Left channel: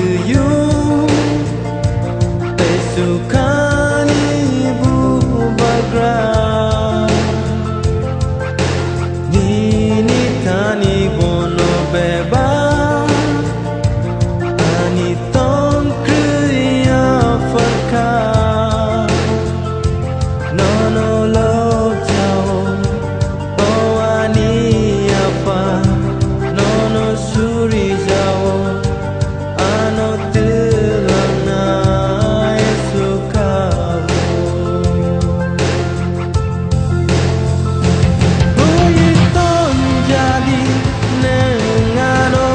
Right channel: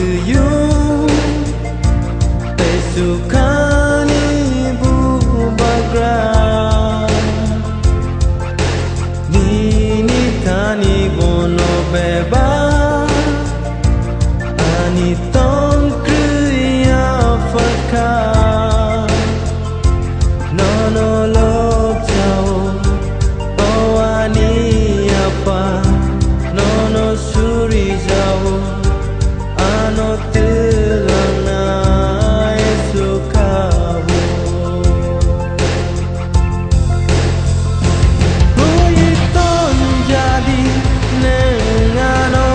tuyu Tesukani bubagra Nini tani bono beba Ani tong kriya farka Nono lo jao Bawani apa Nono suri jao Ano telang na esukabo Buiton jadi nengano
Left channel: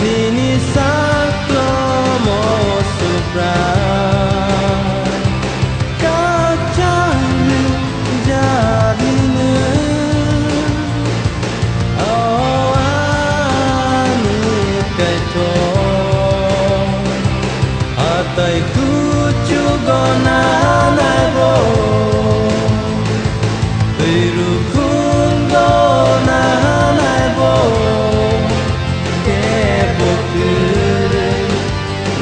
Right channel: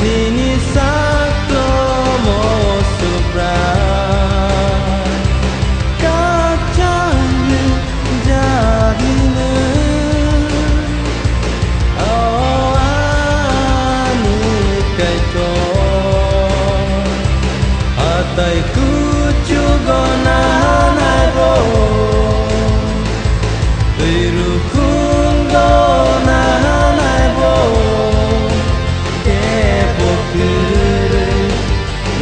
Nini saklo mo subrai Kacang jadi Oh anu kaito Hatai kucu gona naibo Biru kungo na naibo Kepo kure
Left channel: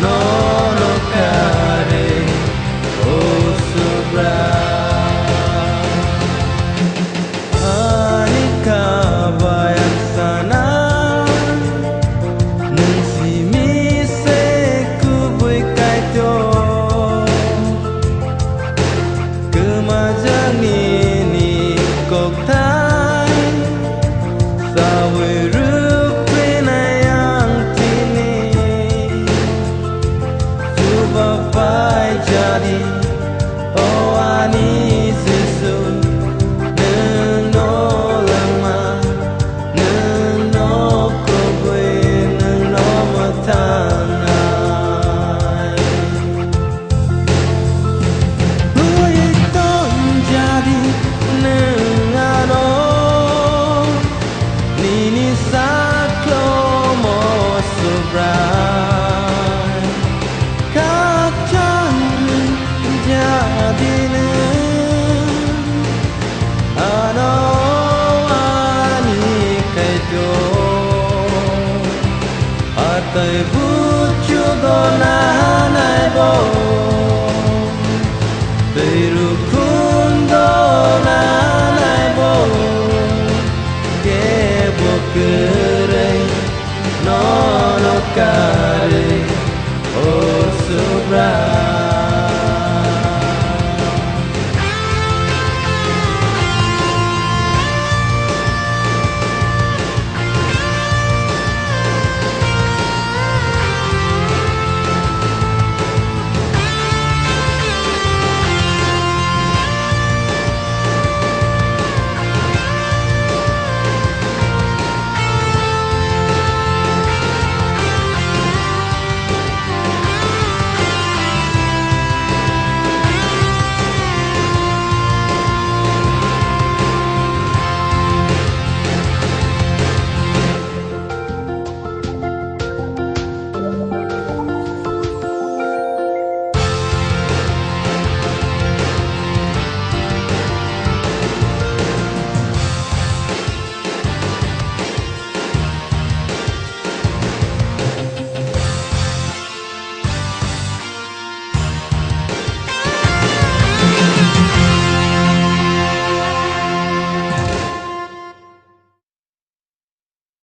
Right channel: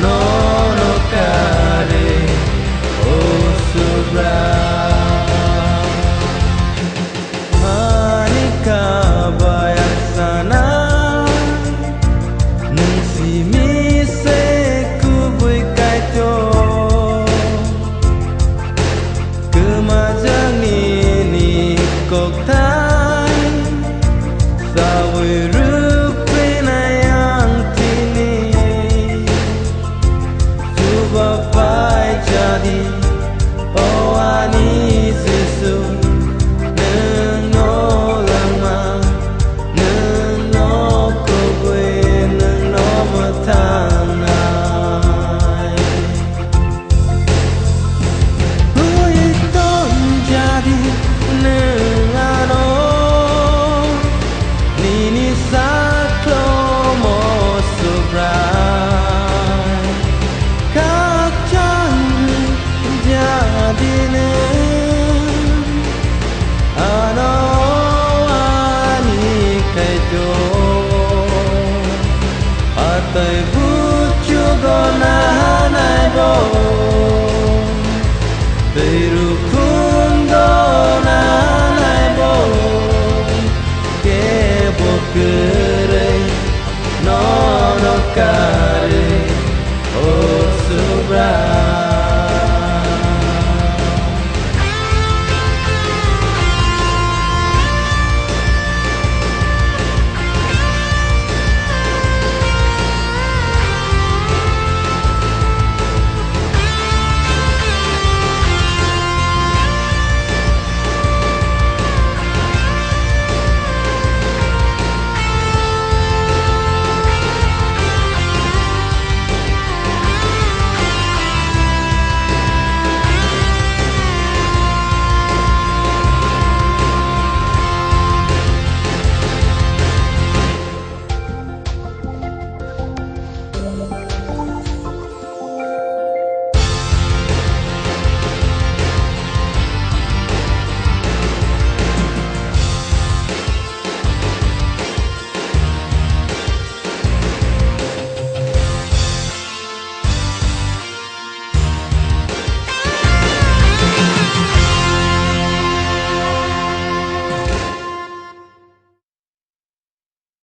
nono kare Oh subrai Anika bayang sana Nung si mise kubui kaito Kemajang nini kok tai Sawe rupi na yang tini Coba pai jadi Oh ani susu Neng no lama Neng no kubui Neng no matanai Huiton jadi Neng ano Nini saklo mo subrai Kacang jadi neng Ano ani kaito Atai bucu gona naibo Biru kundo na naibo Kebo kere nono ka